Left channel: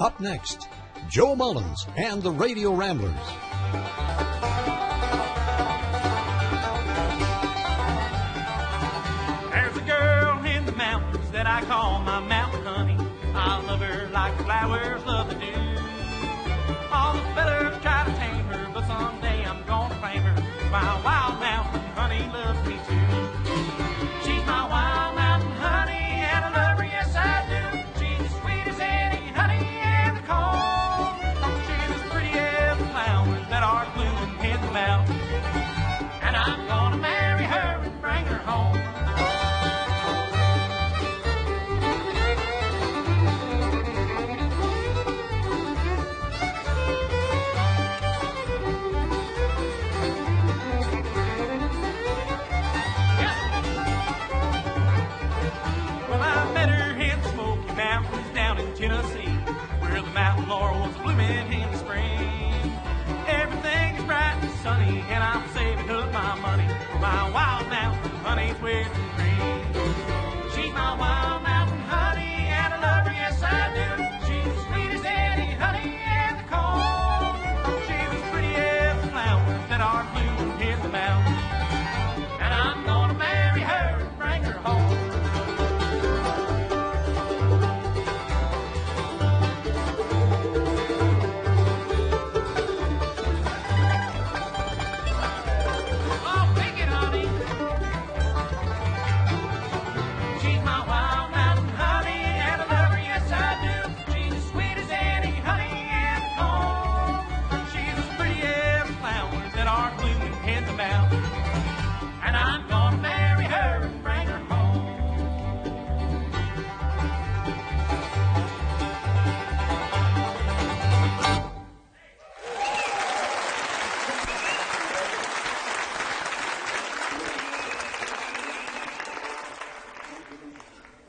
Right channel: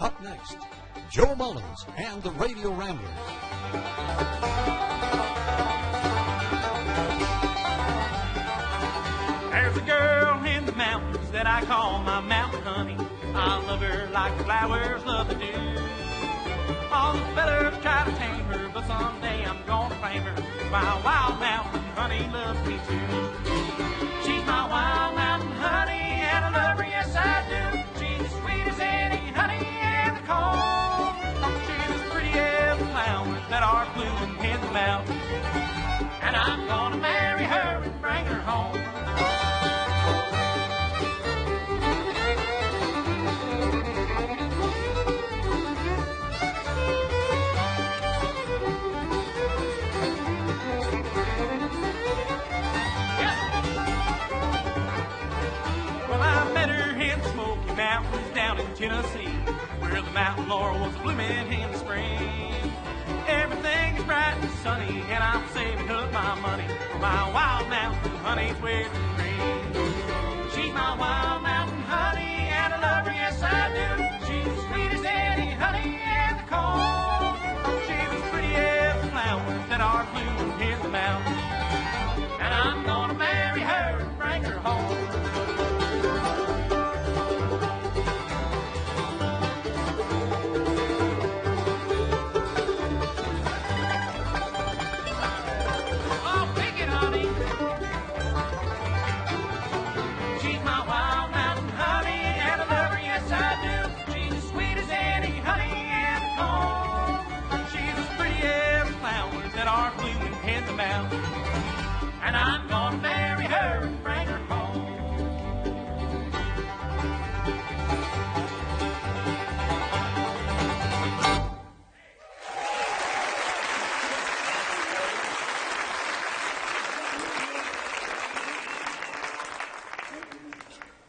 Up next, Joe Mullins and the Radio Ramblers. There's a girl in the mountains that I call my mountain honey. I love her like flowers love the dew. All the fellas try to tame her, but someday I'm gonna claim her. My wild mountain honey loves me too. She's my wild mountain honey, and I love her, yes I do. She's as sweet as any honey in the comb. She's as pretty as the flowers that are blooming in the mountains. And I'm gonna marry her and bring her home. Mountains down in Tennessee, where the mountain laurel was blooming in the spring. Everything is bright and sunny, and I'm saving up my money for my wild mountain honey's wedding ring. She's my wild mountain honey, and I love her, yes I do. She's as sweet as any honey in the comb. She's as pretty as the flowers that are blooming in the mountains. And I'm gonna marry her and bring her home. And I'm gonna marry her and bring her home.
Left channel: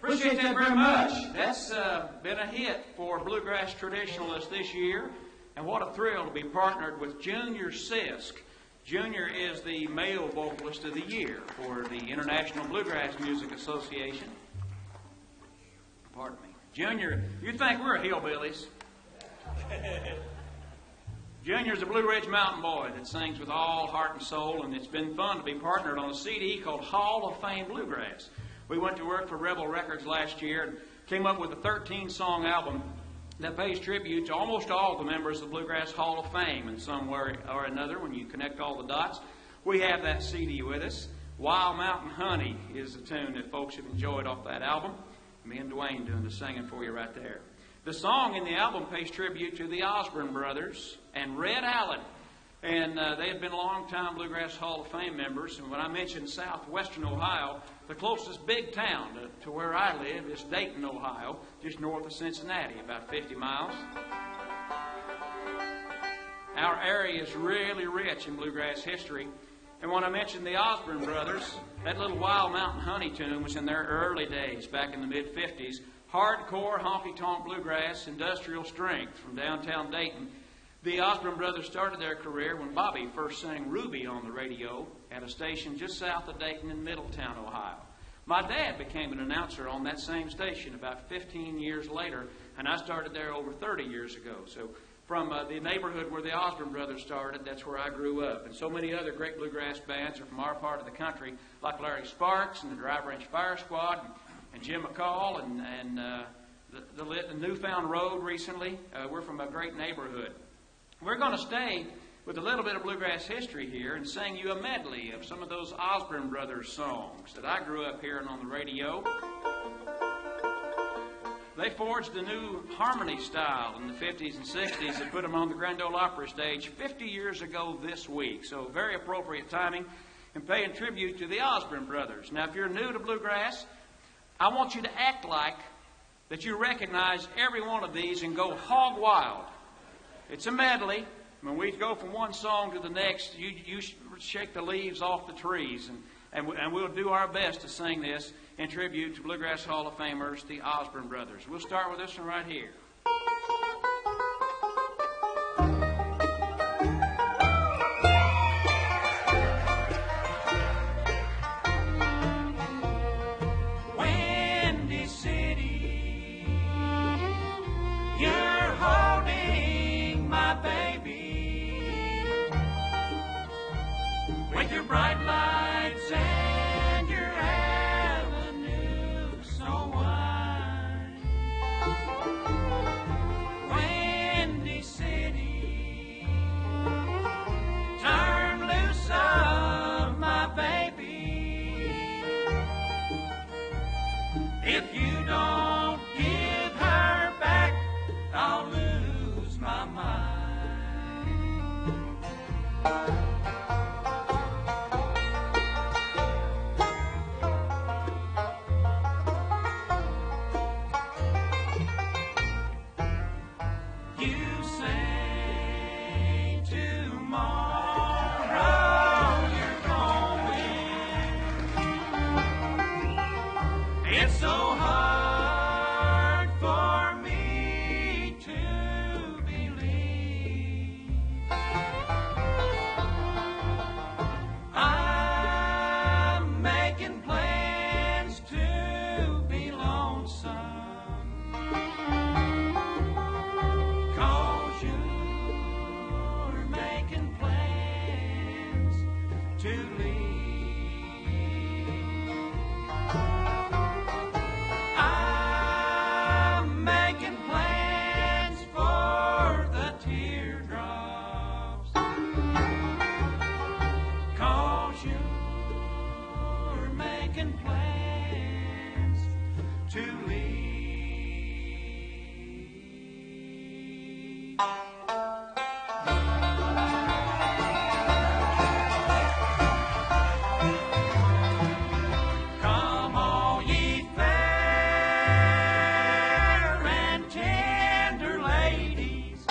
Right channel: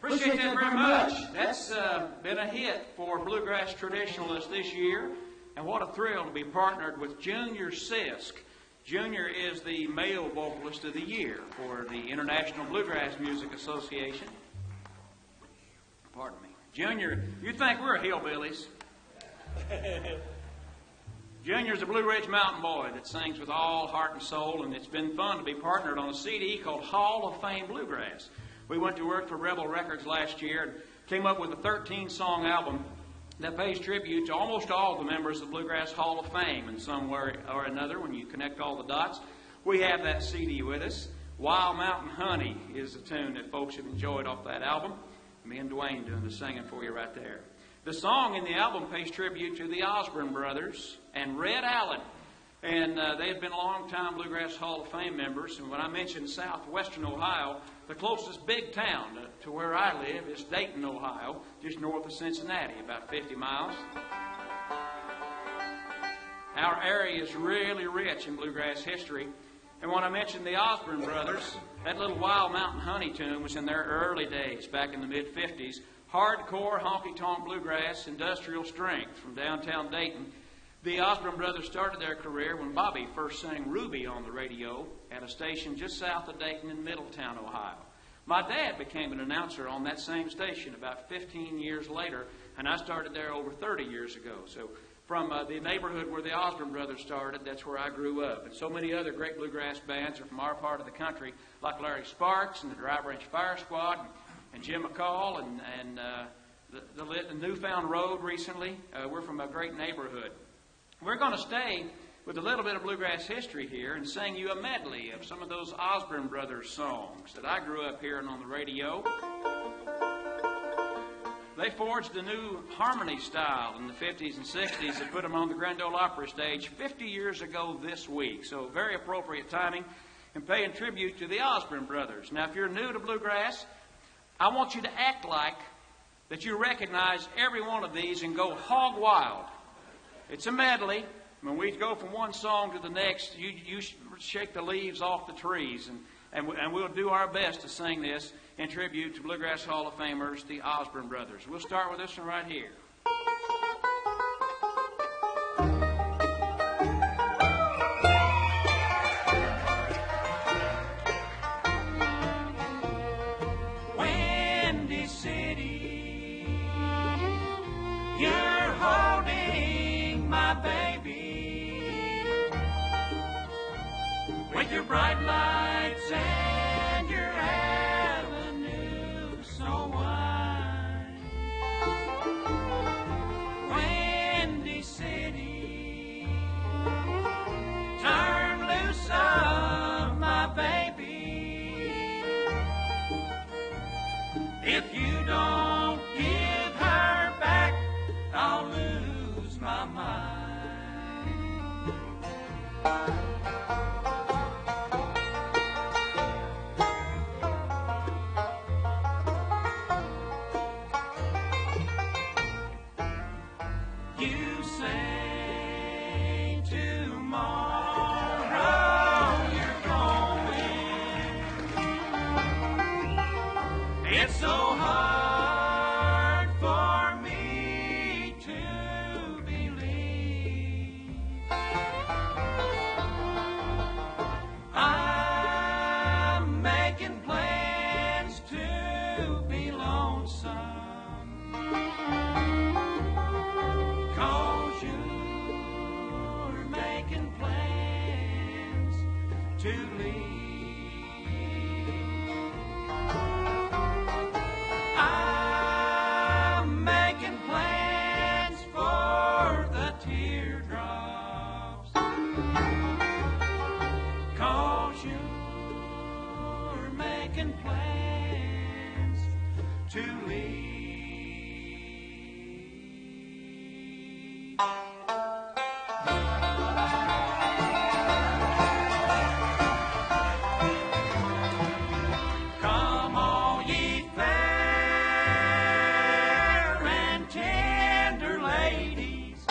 Appreciate that very much. That's been a hit for bluegrass traditionalists this year, and what a thrill to be partnered with Junior Sisk. Junior is the male vocalist of the year for the International Bluegrass Music Association. Pardon me. Junior, you think we're hillbillies. Junior's a Blue Ridge Mountain boy that sings with all heart and soul, and it's been fun to be partnered on a CD called Hall of Fame Bluegrass. We went to work for Rebel Records last year and came up with a 13-song album that pays tribute to almost all the members of the Bluegrass Hall of Fame in some way or another. When you connect all the dots, we have that CD with us. Wild Mountain Honey is the tune that folks have enjoyed off that album. Me and Dwayne doing the singing for you right there. The song in the album pays tribute to the Osborne brothers and Red Allen. And they have been long-time Bluegrass Hall of Fame members. And when I mentioned southwestern Ohio, the closest big town to where I live is Dayton, Ohio, just north of Cincinnati, about 50 miles. Our area is really rich in bluegrass history. And when I mentioned the Osborne brothers, that little Wild Mountain Honey tune was in their early days, back in the mid-50s. Hardcore, honky-tonk bluegrass, industrial strength from downtown Dayton. The Osborne brothers started their career when Bobby first sang Ruby on the radio at a station just south of Dayton in Middletown, Ohio. My dad became an announcer on that same station about 15 years later, and I started there over 30 years ago. So from the neighborhood where the Osborne brothers started, that's where I grew up. And so many other great bluegrass bands are from our part of the country, like Larry Sparks and the Dry Branch Fire Squad and Jim McCall and the Newfound Road recently. We're from a great neighborhood. We're going to stay with a little bit of bluegrass history here and sing you a medley of some of those Osborne Brothers songs that I grew up hearing on the radio. They forged a new harmony style in the 50s and 60s that put them on the Grand Ole Opry stage 50 years ago this week. So very appropriate timing and paying tribute to the Osborne Brothers. Now, if you're new to bluegrass, I want you to act like that you recognize every one of these and go hog wild. It's a medley. When we go from one song to the next, you shake the leaves off the trees, and we'll do our best to sing this in tribute to Bluegrass Hall of Famers, the Osborne Brothers. We'll start with this one right here. Windy City, your bright lights and your avenue so wide. Windy City, turn loose of my baby. If you don't give her back, I'll lose my mind. You say tomorrow you're going. It's so hard for me to believe. I'm making plans to be lonesome, 'cause you're making plans to leave. I'm making plans for the teardrops, 'cause you're making plans to leave. Come all ye fair and tender ladies,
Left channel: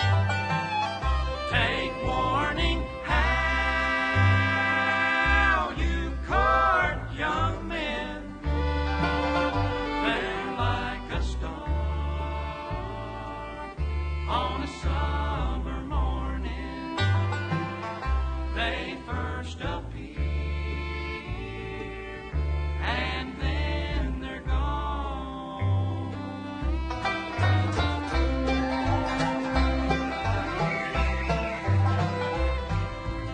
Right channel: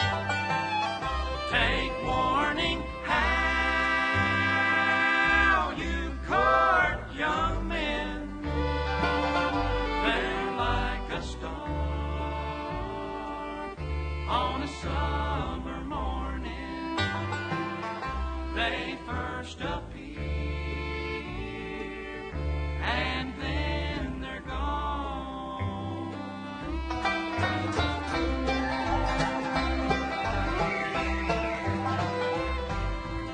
take warning how you court young men. They're like a star on a summer morning. They first appear and then they're gone.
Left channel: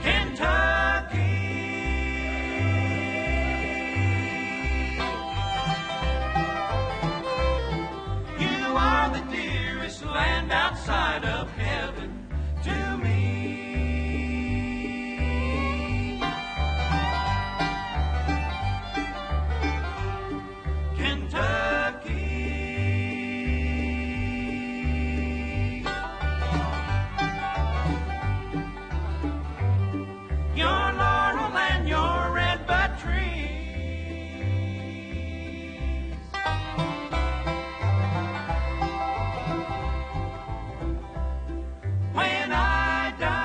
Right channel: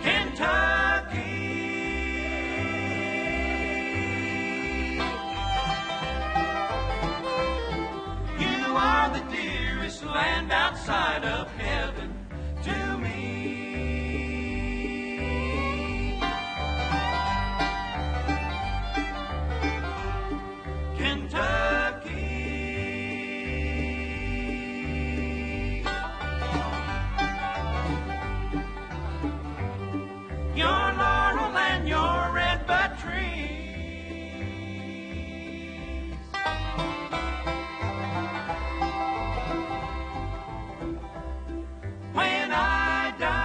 Kentucky, you are the dearest land outside of heaven to me. Kentucky, your laurel and your redbud trees, when I die,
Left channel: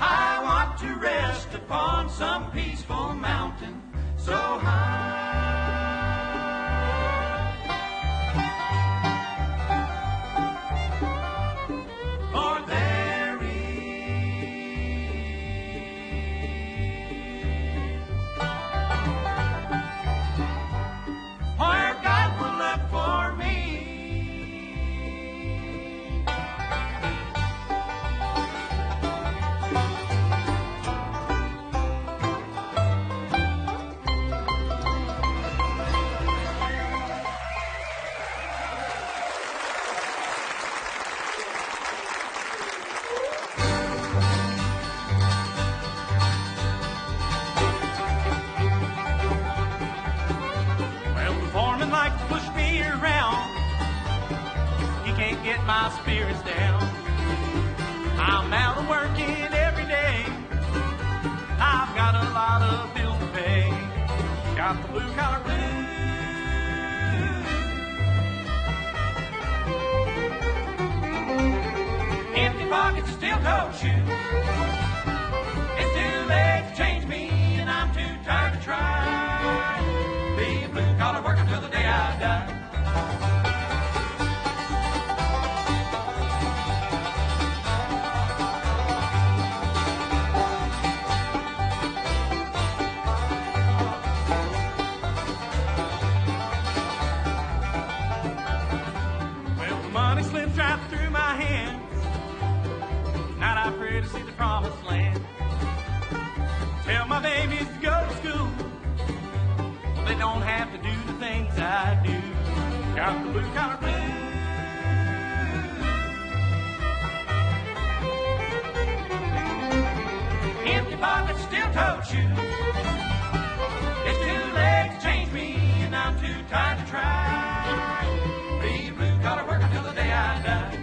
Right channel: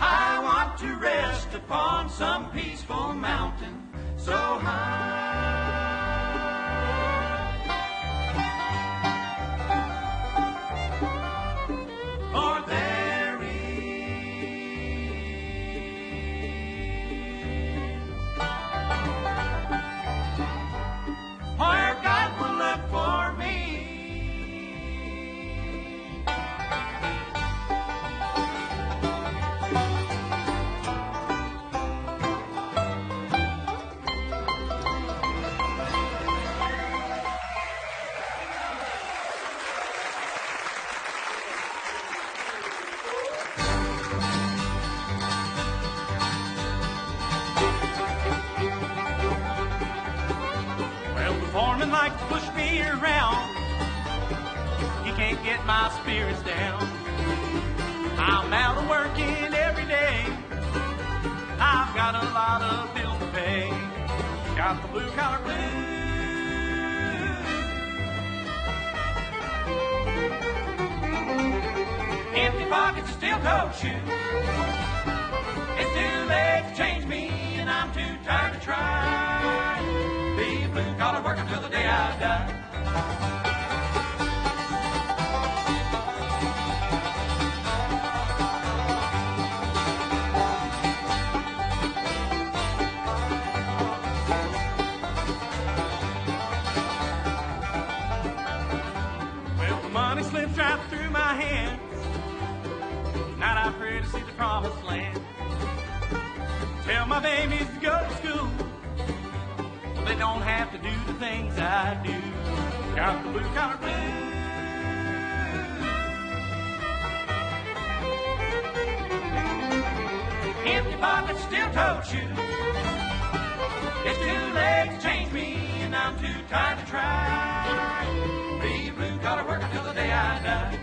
I want to rest upon some peaceful mountain so high. For there is where God will look for me. Well, the foreman likes to push me around. He can't get my spirits down. I'm out of working every day. I've got a lot of bills to pay. Got the blue collar blues. Empty pockets, steel-toed shoes. It's too late to change me, and I'm too tired to try. Be a blue-collar worker till the day I die. Well, the money slips right through my hand. way to see the promised land. Tell my babies to go to school, so they don't have to do the things I do. Got the blue collar blues. Empty pockets, steel toed shoes. It's too late to change me, and I'm too tired to try. Be a blue collar worker till the day I die.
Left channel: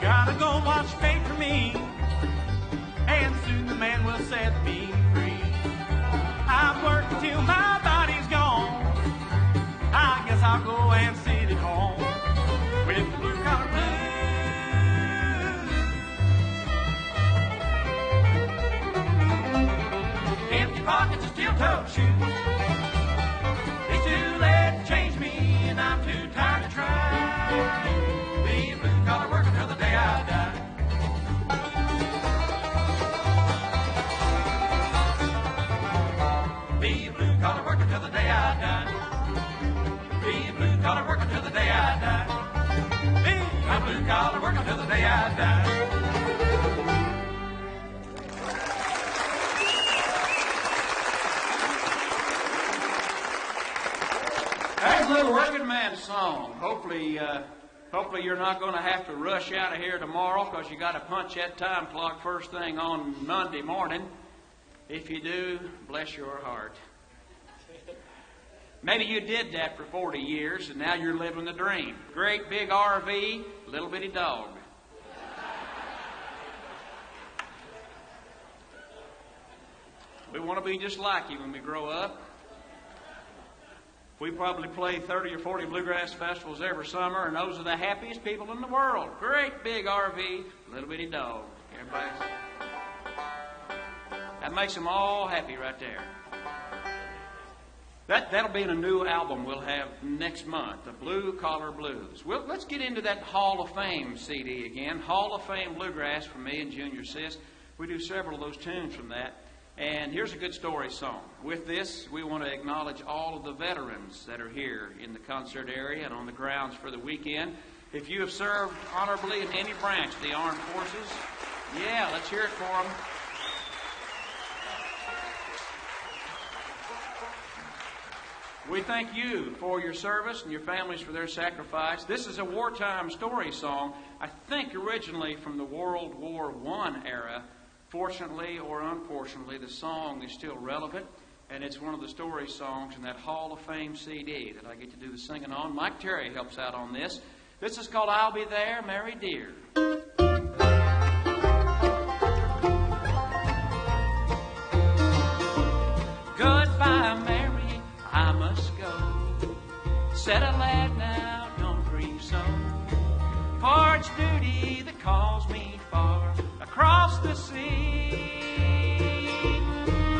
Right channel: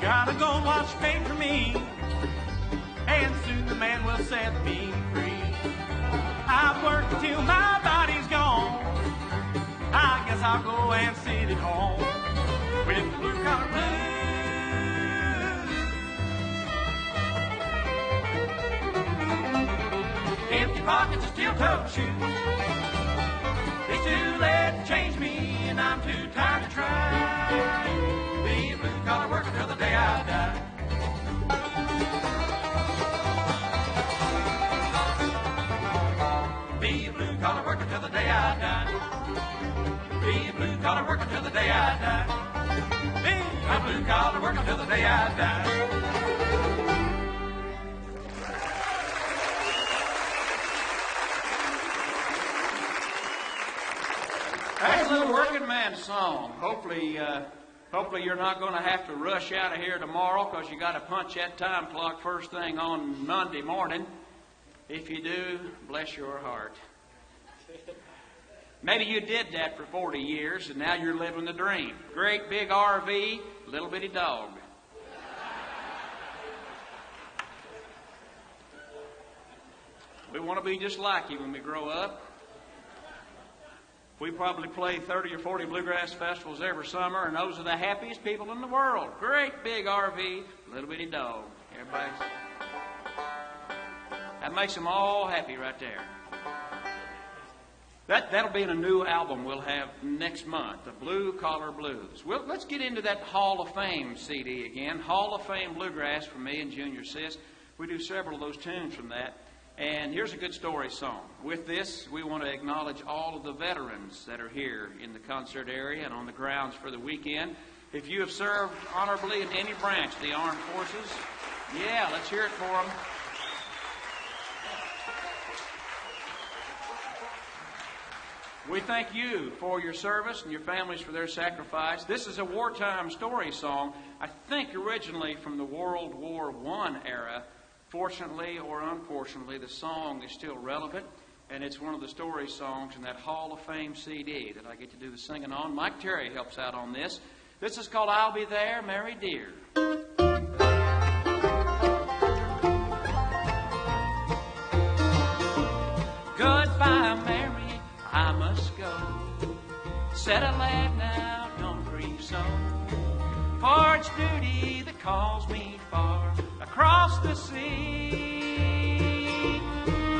Gotta go watch fate for me, and soon the man will set me free. I've worked till my body's gone. I guess I'll go and sit at home with the blue collar blues. Empty pockets and steel-toed shoes. It's too late to change me, and I'm too tired to try. Be a blue-collar worker till the day I die. Be a blue-collar worker till the day I die. Be a blue-collar worker till the day I die. Be a blue-collar worker till the day I die. That's a little working man song. Hopefully you're not going to have to rush out of here tomorrow because you got to punch that time clock first thing on Monday morning. If you do, bless your heart. Maybe you did that for 40 years and now you're living the dream. Great big RV, little bitty dog. We want to be just like you when we grow up. We probably play 30 or 40 bluegrass festivals every summer, and those are the happiest people in the world. Great big RV, little bitty dog. Everybody, that makes them all happy right there. That'll be in a new album we'll have next month, the Blue Collar Blues. Well, let's get into that Hall of Fame CD again. Hall of Fame Bluegrass from me and Junior Sis. We do several of those tunes from that. And here's a good story song. With this, we want to acknowledge all of the veterans that are here in the concert area and on the grounds for the weekend. If you have served honorably in any branch of the armed forces, yeah, let's hear it for them. We thank you for your service and your families for their sacrifice. This is a wartime story song, I think originally from the World War I era. Fortunately or unfortunately, the song is still relevant, and it's one of the story songs in that Hall of Fame CD that I get to do the singing on. Mike Terry helps out on this. This is called I'll Be There, Mary Dear. Goodbye, Mary, I must go. Said a lad, now don't grieve so. For it's duty that calls me far across the sea.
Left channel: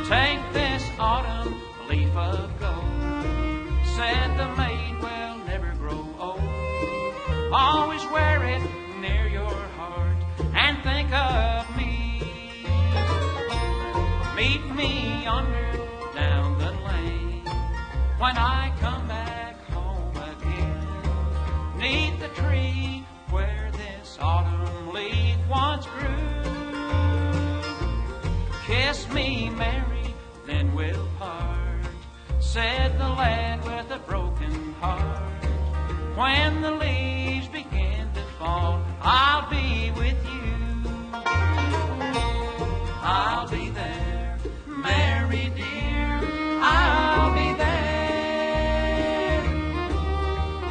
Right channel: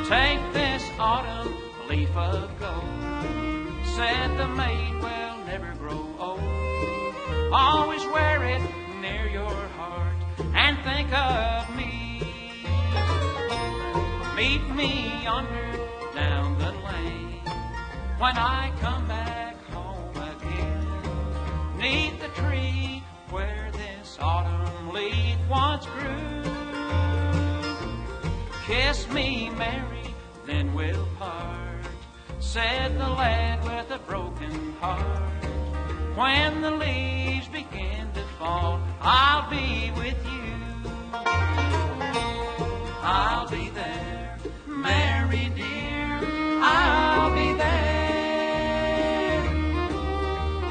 Take this autumn leaf of gold, said the maid, will never grow old. Always wear it near your heart and think of me. Meet me yonder down the lane when I come back home again. 'Neath the tree where this autumn leaf once grew. Kiss me, Mary, then we'll part, said the lad with a broken heart. When the leaves begin to fall, I'll be with you. I'll be there, Mary dear, I'll be there.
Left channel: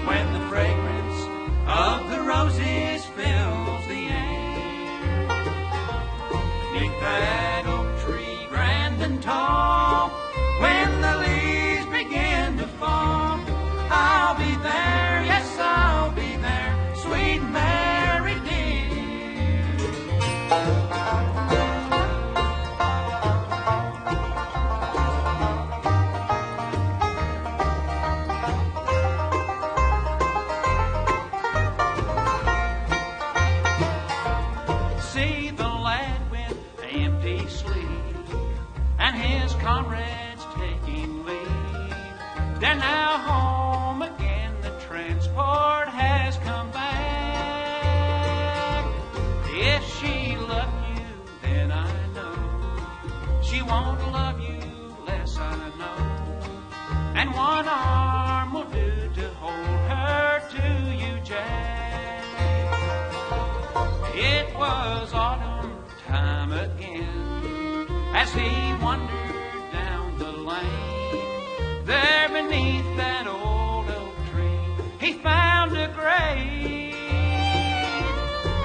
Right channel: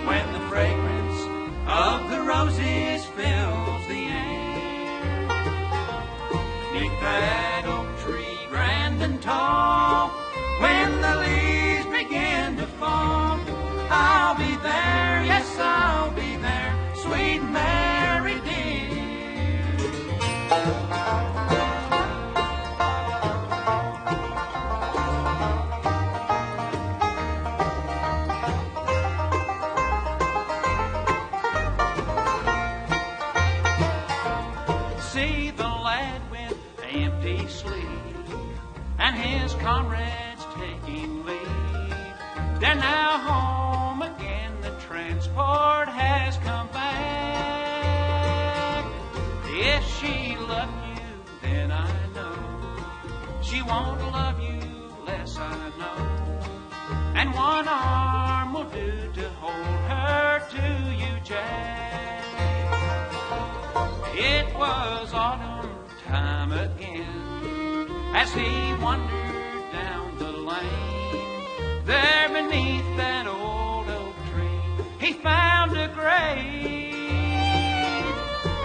When the fragrance of the roses fills the air, 'neath that oak tree grand and tall, when the leaves begin to fall, I'll be there, yes, I'll be there, sweet Mary dear. his comrades taking leave. They're now home again, the transport has come back. If she loved you, then I know she won't love you less, I know. And one arm will do to hold her to you, Jack. It was autumn time again as he wandered down the lane. There beneath that old oak tree he found a grave,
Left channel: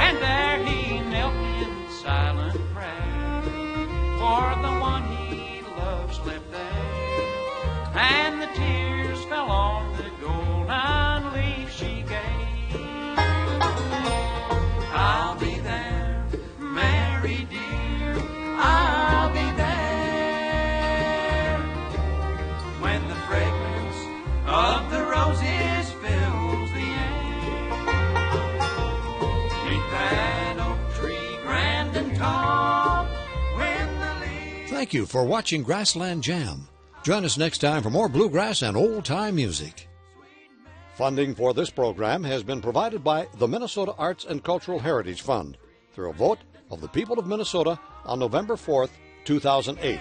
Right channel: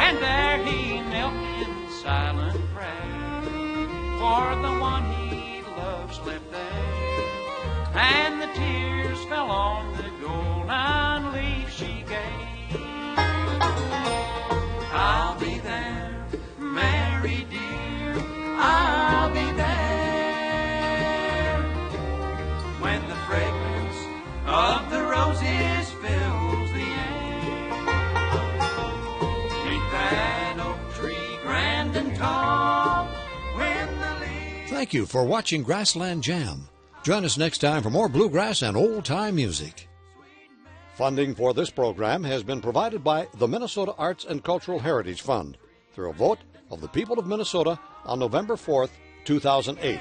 and there he knelt in silent prayer, for the one he loved slept there, and the tears fell on the golden leaf she gave. I'll be there, Mary dear, I'll be there, when the fragrance of the roses fills the air. Neath that oak tree grand and tall, when the leaves... Thank you for watching Grassland Jam. Join us next time for more bluegrass and old-time music. Funding for this program has been provided by the Minnesota Arts and Cultural Heritage Fund through a vote of the people of Minnesota on November 4th, 2008.